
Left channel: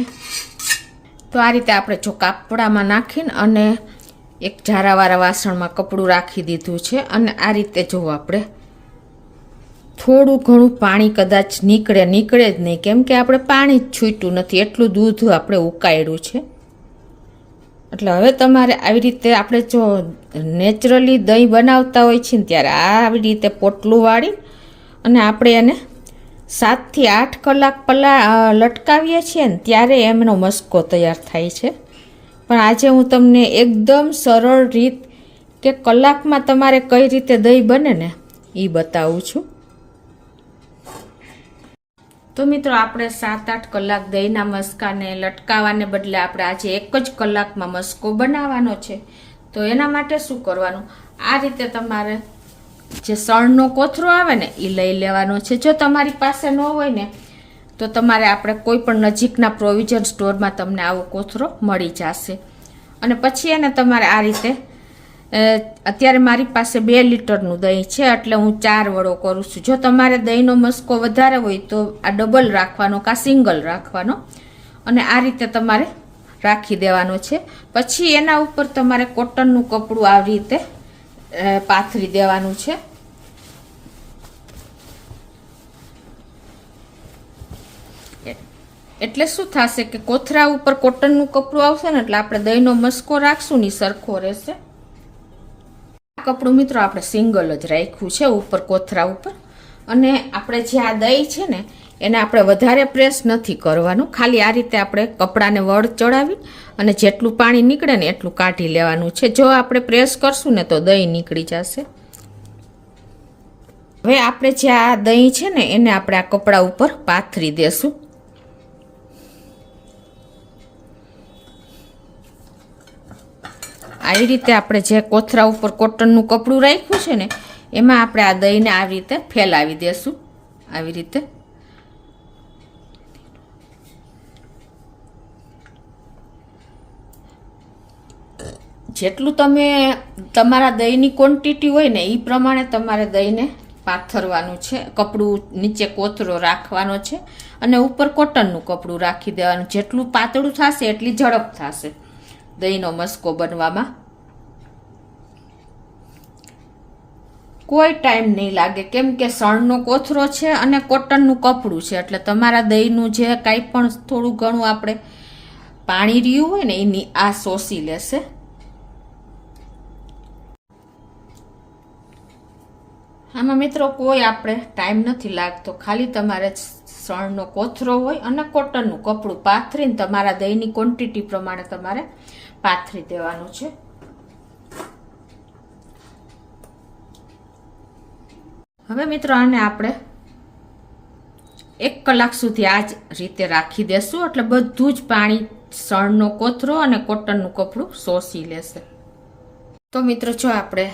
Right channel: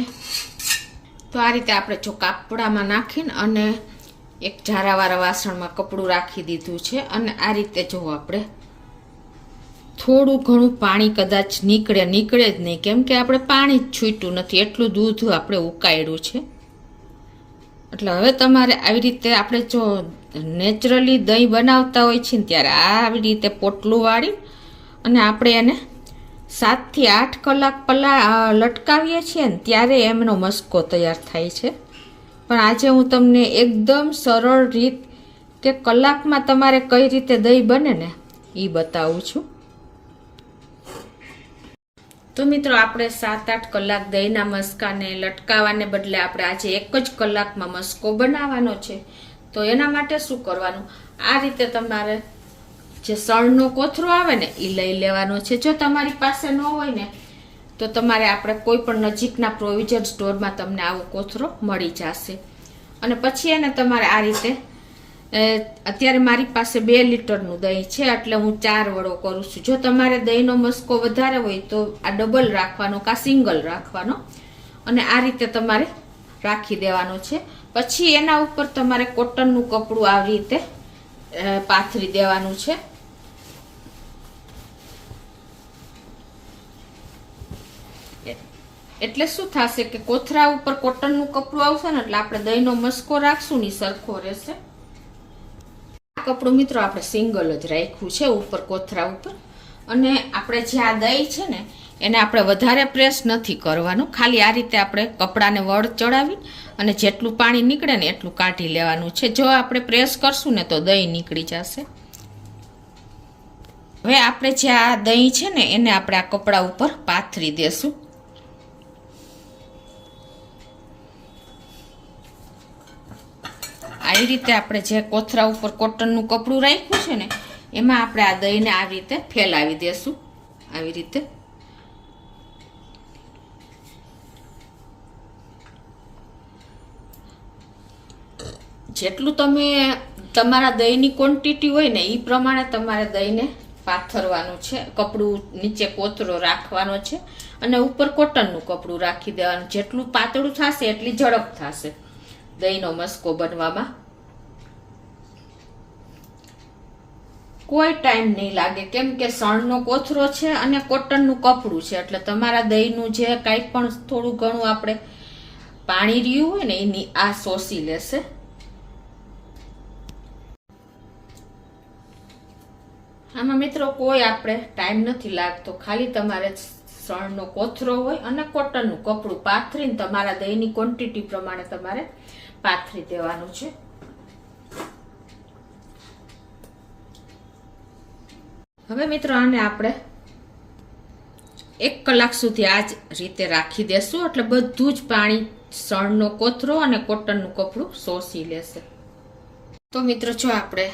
તો આ રીતે આપણે જો કાપડામાં નાખીને અને એક ઝારાવાળા વાસણમાં કપડું રાખી દીધું છે. અને આ રીતે જો આપણે થોડું ઘણું પાણી કદાચ નીકળે જ નહીં, કેમ કે આપણે પાણી જ છૂટ્યું નથી, એટલું દૂધ આપણે ઉકાળ્યું છે. એટલે હવે તમારે આવી રીતે આપણે જો નેચરલી દહીં બનાવતા હોય છે ને ત્યારે આવી રીતે પોટલું વાળી અને આપણે એને 7 થી 8 કલાક લટકાવીએ છીએ ને ત્યારે એમનો મસ્કો તૈયાર થાય છે. પણ આજે હું તમને એકદમ સરળ રીત કે કલાકમાં તમારે કઈ રીતે દહીં બને ને એ બતાવું છું. તો મિત્રો આપણે 7-8 કલાક દહીંના મસ્કાને લટકાવવાને બદલે આપણે આજે 1 જ કલાકમાં મસ્કો બનાવવાનો છે. તો એના માટે શું કરવાનું, આ રીતે તમારે જે સળનો કોથરો આવે ને એ લઈ લેવાનો છે. જો તમારી પાસે ન હોય ને તો તમારે આપણે કોઈ પણ નજીકના પ્રોવિઝન સ્ટોરમાં તમને આવો કોથરો મળી જશે. અને પછી એને તમારે આ રીતે અત્યારે મારી પાસે 2 લીટરનું દહીં છે એટલે હું 4 વડો કરું છું. જો તમારે દહીંનો મસ્કો વધારે હોય તો આ ડબલ રાખવાનો કા સિંગલ રાખવાનો અને આ રીતે તમારે રાખી દેવાનો છે. પછી એના ઉપર તમારે કોટનનું કપડું આવી રીતે પાથરી દેવાનું છે. એટલે શું થશે કે કોથરા ઉપર કોટનનું કપડું આવશે ને એટલે આપણે દહીંનો મસ્કો રાખશું ને સરખો રહેશે. આ કપડું મિત્રો આપણે સિંગલ જ રાખ્યું છે ઉપર કોથરા ઉપર. અને આપણે જે આ દહીં છે ને એને આપણે વધારે પ્રેસ નથી કરવાનું, ખાલી આ રીતે આપણે કપડાને વળ ચડાવી અને જેટલું પાણી નીકળે ને એટલું કાઢી લેવાનું છે. જો આપણે પ્રેસ કરશું ને તો દહીં નીકળી જશે. હવે આપણે જે આ દહીં છે ને એને આપણે આ કપડા ઉપર પાથરી દેશું. આવી રીતે આપણે જે કોથરા ઉપર કોટનનું કપડું રાખ્યું છે ને એમાં આપણે આ દહીંને આવી રીતે ફેલાવી દેશું. આવી રીતે જેટલું તમે તમારા દહીંની ક્વોન્ટિટી હોય ને એ પ્રમાણે તમારે દહીંને પાથરવાનું છે. કપડું નીચે કોથરો રાખવાનો છે અને ઉપર કોટનનું કપડું રાખી દેવાનું. જેટલું પાતળું થશે એટલી ઝડપ થશે દહીંનો મસ્કો બનવામાં. કોઈ ટાઈમ નહીં લાગે કેમ કે સણનો કોથરો છે અને કોટનનું કપડું છે એટલે તમારા દહીંનું જે કાંઈ પણ થોડું ઘણું આપણે પાણી રહ્યું હોય ને એની આ શોષી લેશે. આમાં મિત્રો કોઈ આપણે ટાઈમ નથી લાગતો, ખાલી તમારે સણનો કોથરો હોય અને કોટનનું કપડું પાથરીને તમારા દહીંની ક્વોન્ટિટી પ્રમાણે તમારે પાથરી દેવાનું છે. હવે મિત્રો આને આપણે 1 કલાક સુધી આ જ રીતે રાખી દેશું એટલે બધું જ પાણી સણનો કોથરો અને કોટનનું કપડું શોષી લેશે. તો મિત્રો જો આપણે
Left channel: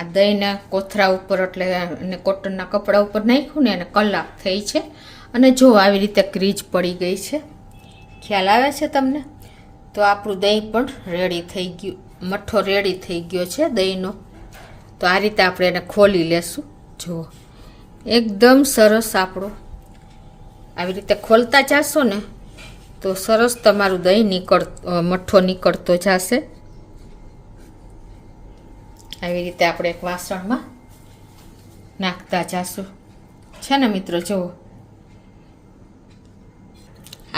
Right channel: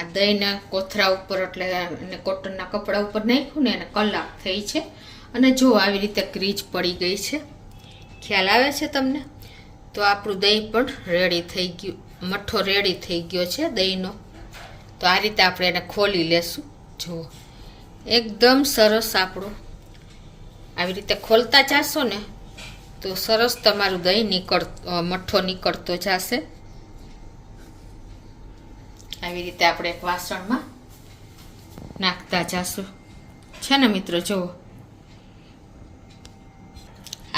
આ દહીંને કોથરા ઉપર એટલે અને કોટનના કપડા ઉપર નાખ્યું ને એને કલાક થઈ છે અને જો આવી રીતે ક્રીજ પડી ગઈ છે. ખ્યાલ આવે છે તમને? તો આપણું દહીં પણ રેડી થઈ ગયું, મઠ્ઠો રેડી થઈ ગયો છે દહીંનો. તો આ રીતે આપણે એને ખોલી લેશું. જુઓ એકદમ સરસ આપણો આવી રીતે ખોલતા જશો ને તો સરસ તમારું દહીં મઠ્ઠો નીકળતો જશે. આવી રીતે આપણે એક વાસણમાં નાખતા જશું છે ને મિત્રો. જુઓ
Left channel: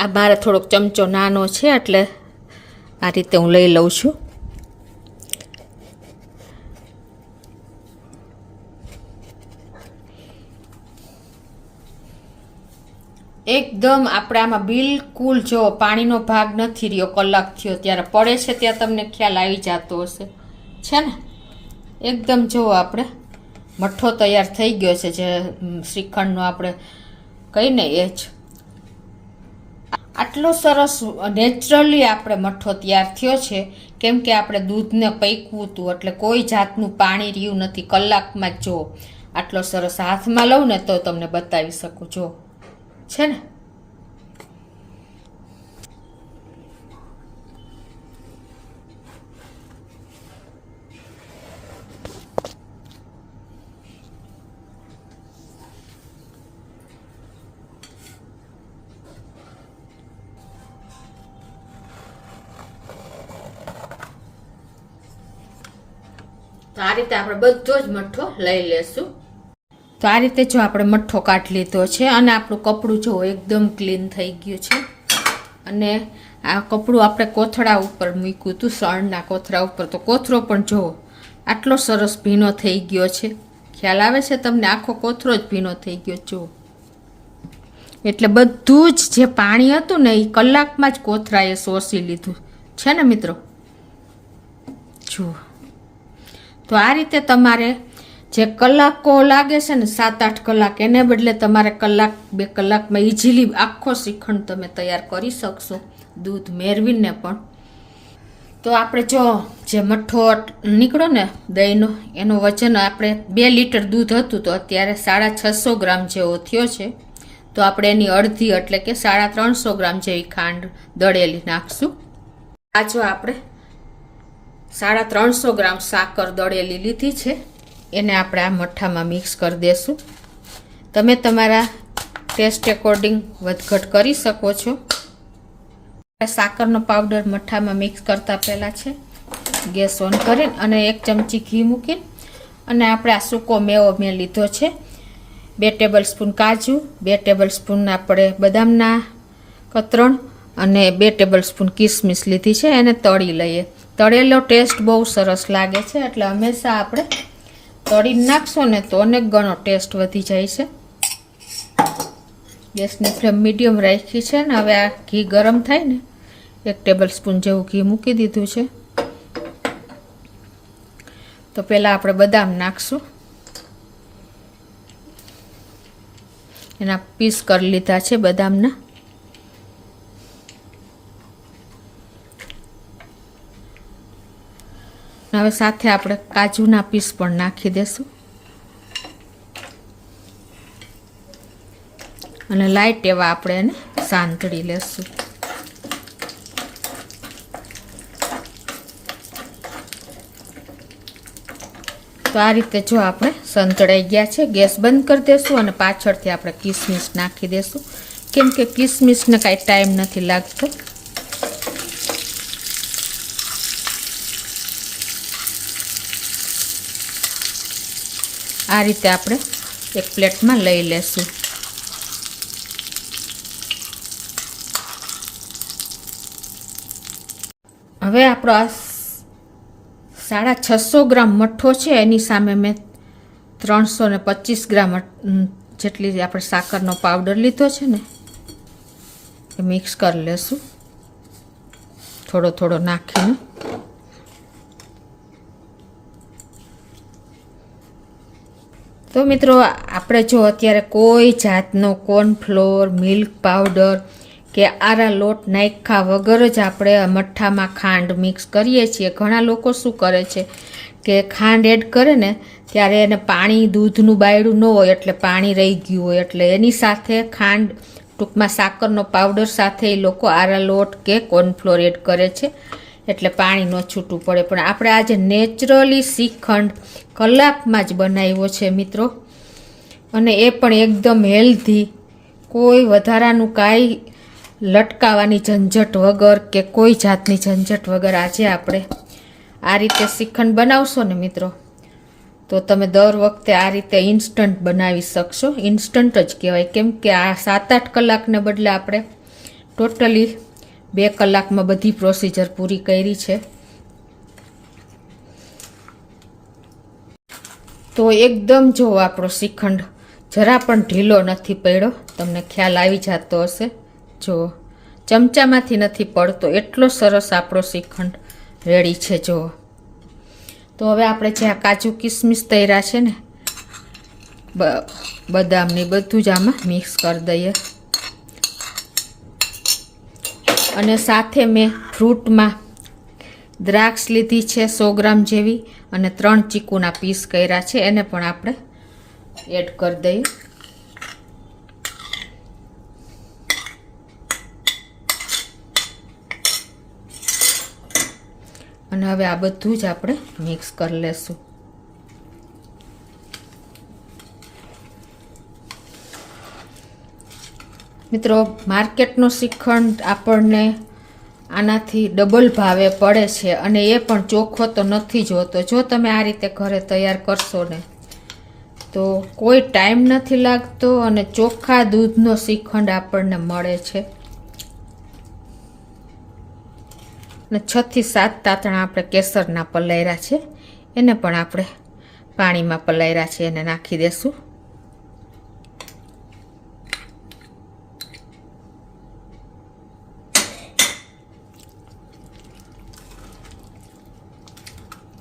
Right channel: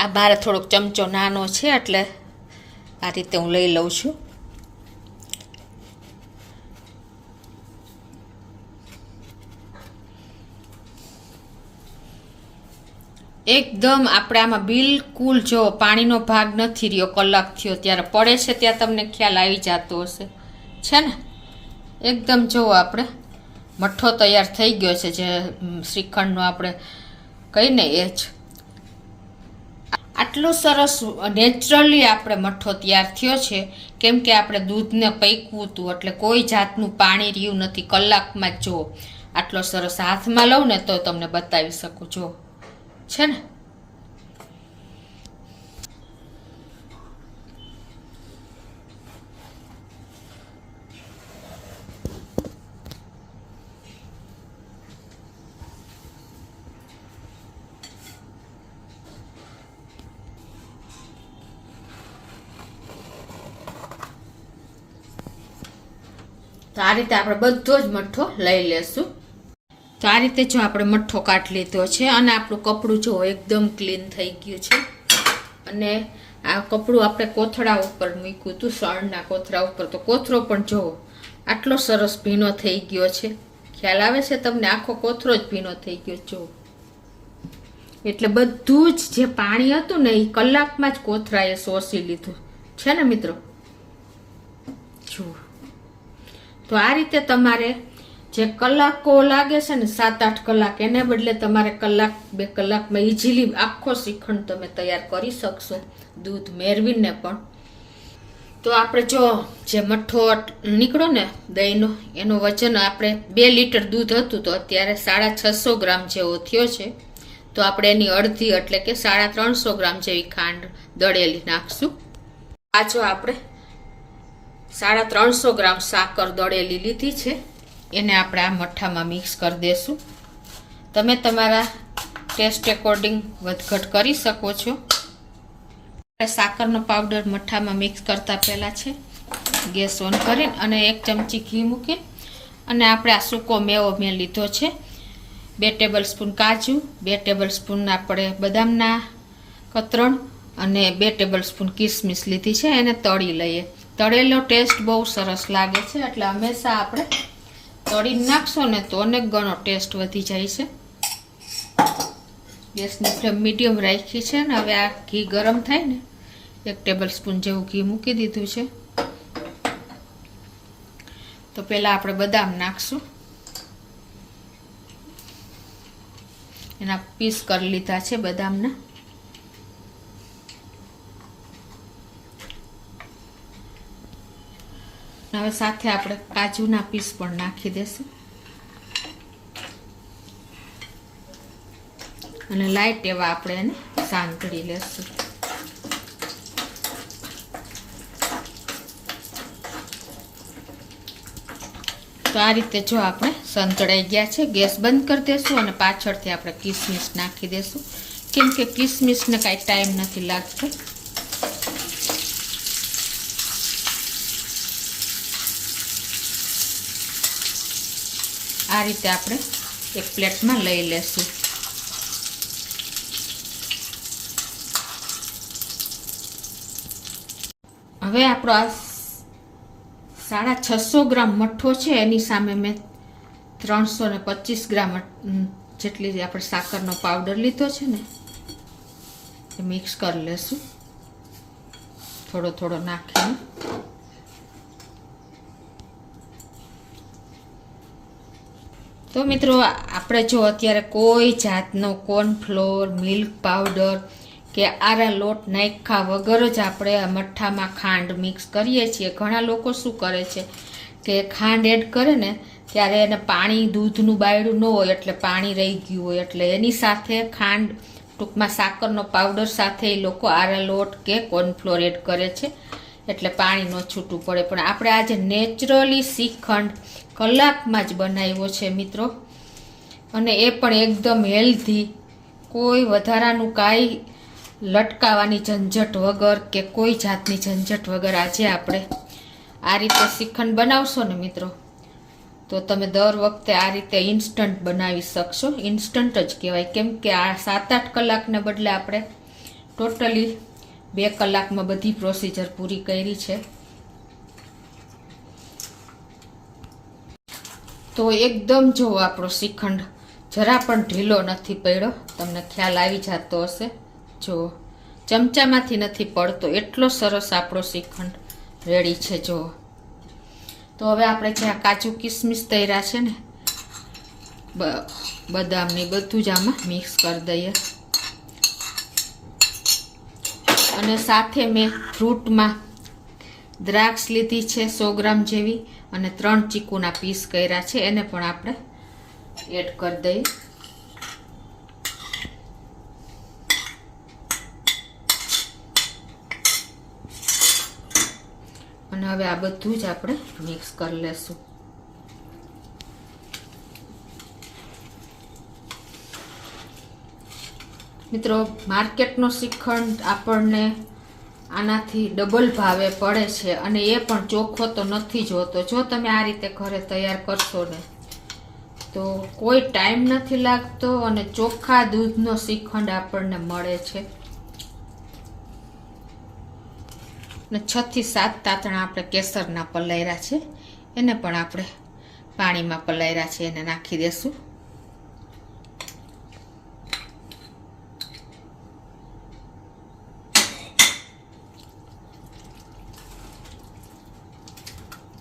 આ મારે થોડોક ચમચો નાનો છે એટલે આ રીતે હું લઈ લઉં છું. એકદમ આપણે આમાં બિલકુલ જો પાણીનો ભાગ નથી રહ્યો. કલાક થયો ત્યારે પડે છે ત્યાં તમને ખ્યાલ આવી જતો હશે છે ને. એકદમ જો આપણે મઠ્ઠો તૈયાર થઈ ગયો છે જે શ્રીખંડનો આપણે કહીને એ જ. આટલો સરસ નેચરલી આપણે મઠ્ઠો તૈયાર થયો છે કેમ કે આપણે દૂધને પૈકવું હતું એટલે કોઈ જાતનું પાણી રહ્યું નથી. કલાકમાં જ જો આટલો સરસ હાથમાં લઉં ને તો તમને બતાવી શકું. જો છે ને તો આ રીતે આપણે બધો જ મઠ્ઠો લઈ લેશું. તો આ રીતે જો આપણે મઠ્ઠો કાઢી લીધો છે અને આપણું કપડું જો એકદમ ક્લીન થઈ ગયું છે. અને આ કપડું આપણે કોથળા ઉપર મૂક્યું હતું સણના કોથળા ઉપર, તો કોથરો પણ જો આટલો સરસ ભીનો થઈ ગયો છે. ખ્યાલ આવે છે તમને? આખો કોથરો જ ભીનો થઈ ગયો જો. એટલે બધું જ જે પાણી હતું ને એ કલાકમાં જ કોથરાએ શોષી લીધું છે ને મિત્રો. જુઓ તો આ રીતે તમારે જે કલાકો લાગે છે ને 7-8 કલાક એને બદલે તમારે 1-2 કલાકમાં ઇઝીલી આખો શ્રીખંડ તમે તૈયાર કરી શકશો દૂધ મેળવીને પણ. તો આપણે જો જે મઠ્ઠો નીકળો ને દહીંનો એનો વજન આપણે 2 લીટર દૂધ હતું તો અત્યારે 650 ગ્રામ જેવો થયો છે. તો આપણે એની અડધી એટલે કે 350 ગ્રામ જેવી ખાંડ દળેલી નાખશું. આ જો આપણે 350 ગ્રામ સાકર દળેલી લીધી છે, એને આપણે આ મઠ્ઠામાં મિક્સ કરી દેશું. તમે તમારા ટેસ્ટ એકોર્ડિંગ વધઘટ કરી શકો છો. સાકરનો પાવડર મઠ્ઠામાં મિક્સ કરતા પહેલા છે ગેસ ઓન કરી અને 1 ચમચી ઘી મૂકી અને આપણે આ સૂકો મેવો મેં લીધો છે. 2 ટેબલસ્પૂન કાજુ, 2 ટેબલસ્પૂન આપણે બદામના કતરણ અને 2 ટેબલસ્પૂન કિસમિસ લીધી છે. એને તળી લઈએ. તળેલો ટેસ્ટ બહુ સરસ લાગે છે, એટલે હંમેશા આપણે તળીને નાખશો ને તો અનેક ગણો ટેસ્ટ વધી જાય છે. ગેસની ફ્લેમ મીડિયમ રાખી છે ને હવે આ ઘી ગરમ થાય ને 1 ટેબલસ્પૂન જેવું ઘી મૂકી દીધું છે. તો પહેલાં આપણે બદામ નાખશું. એના પીસ કરી લીધા છે બદામના. હવે સાથે આપણે કાજુના પીસ પણ નાખી દેશું અને લાઈટ એવા આપણે એને સાંતળી લેશું. તો આ રીતે જો આપણે સંતળાઈ ગયા છે. ગેસ બંધ કરી દેશું અને પાછળથી આપણે કિસમિસ નાખી દેશું, કેમ કે કિસમિસને કાંઈ ટાઈમ નથી લાગતો. આ રીતે આપણે એક પ્લેટમાં લઈ લેશું. હવે આપણો આ 650 ગ્રામ મઠ્ઠો છે, એની સામે મેં 325 ગ્રામ જેટલી આપણે સાકરનો પાવડર લીધો છે ને એ મિક્સ કરી લેશું થોડો થોડો નાખીને. તો મિત્રો આપણે જો અત્યારે કોઈ જાતનો કોર્નફ્લોર, મિલ્ક પાવડર કે આરા લોટ નાખ્યા વગર જ આપણે મઠ્ઠામાં ખાંડ મિક્સ કરીએ છીએ. ઘણા લોકો શું કરે છે કે ખાંડ એડ કરે ને ત્યારે એને પાણી, દૂધનું બાયડું ન હોય એટલે પાણી રહી ગયું હોય એટલે એની સાથે ખાંડ, ટૂંકમાં સાકરનો પાવડર સાથે એ લોકો આરા લોટ કે કોર્નફ્લોર એડ કરે છે એટલે પાણી ન છૂટું પડે. પણ આપણે આજે નેચરલી શ્રીખંડ કલાકમાં જ બનાવ્યો છે મિત્રો, અને એ પણ એકદમ હેલ્ધી, કોઈ વધારાનું કાંઈ લટકાવાની ઝંઝટ વગર કે કોઈ જાતની ઝંઝટ વગર આજે આપણે આ રીતે શ્રીખંડ બનાવશો ને મિત્રો તો તમે દર વખતે આ રીતે ઇન્સ્ટન્ટ બનાવી શકશો. ઇન્સ્ટન્ટ જ કહેવાય, કેમ કે આ 7-8 કલાકને બદલે આપણે ટોટલી 2 કલાકમાં બધી પ્રોસિજર પૂરી કરી છે. તો એકદમ જો આપણો શ્રીખંડ જરા પણ ઢીલો નથી પડ્યો, તમને ખ્યાલ આવી જતો હશે. જો ચમચામાંથી નથી પડતો, એટલો સરસ આપણો શ્રીખંડ રેડી છે. જો તો હવે આપણે જે આ કાજુ કિસમિસ તૈયાર છે ને બદામની, બધું જ આમાં મિક્સ કરી દઈએ. અને સાથે મેં ફ્રૂટમાં દ્રાક્ષ લીધી છે 100 ગ્રામ જેવી અને 3 ચીકુના પીસ કર્યા છે, એને પણ આપણે એડ કરી દઈએ. અને હવે આ બધું જ આપણે મિક્સ કરી લેશું. મિત્રો માર્કેટનો શ્રીખંડ આપણને આનાથી ડબલ ભાવે પડે છે અને એ પણ ચોખ્ખો તો નથી જ હોતો. જો તમે આ રીતે ઘરે તૈયાર કરશો ને તો કોઈ ટાઈમ નથી લાગતો અને ચોખ્ખા દૂધનો શ્રીખંડ આપણને મળે છે. અને 6 થી 7 તાતણા આપણે કેસરના પલાયરા છે, એને પણ આપણે પાણીમાં પલાયરા છે એને નાખી દેશું.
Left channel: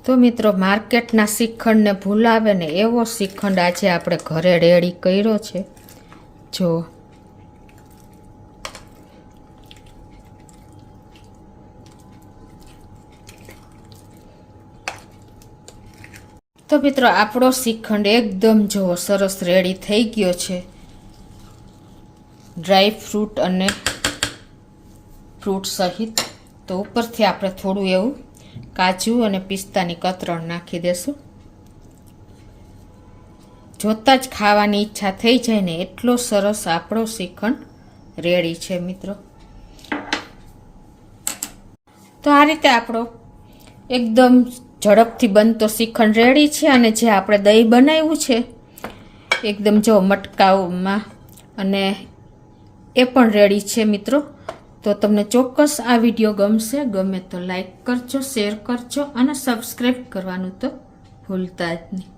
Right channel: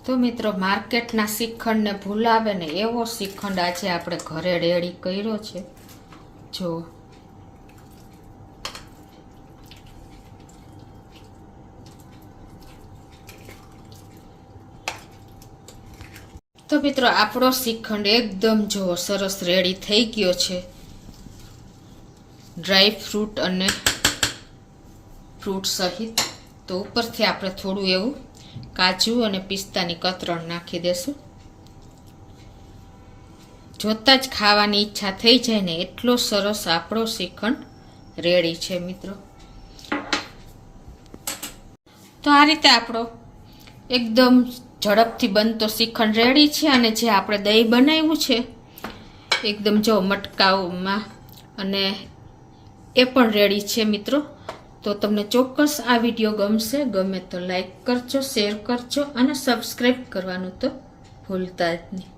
તો મિત્રો માર્કેટના શ્રીખંડને ભૂલાવે ને એવો શ્રીખંડ આજે આપણે ઘરે રેડી કર્યો છે. જો તો મિત્રો આપણો શ્રીખંડ એકદમ જો સરસ રેડી થઈ ગયો છે. ડ્રાય ફ્રૂટ અને ફ્રૂટ સહિત. તો ઉપરથી આપણે થોડું એવું કાજુ અને પિસ્તાની કતરણ નાખી દેશું. જોતાં જ ખાવાની ઈચ્છા થઈ જાય ને એટલો સરસ આપણો શ્રીખંડ રેડી છે મિત્રો. તો આ રીતે આપણો એકદમ ઝડપથી બનતો શ્રીખંડ રેડી છે. અને જે આપણે દહીં બનાવ્યું છે એકદમ જો મટકાઓમાં, અને એ પણ રેડી છે મિત્રો. તો તમને ચોક્કસ આ વિડીયો ગમશે. ગમે તો લાઈક કરજો, શેર કરજો અને સબસ્ક્રાઈબ કરવાનું તો ભૂલતા જ નહીં.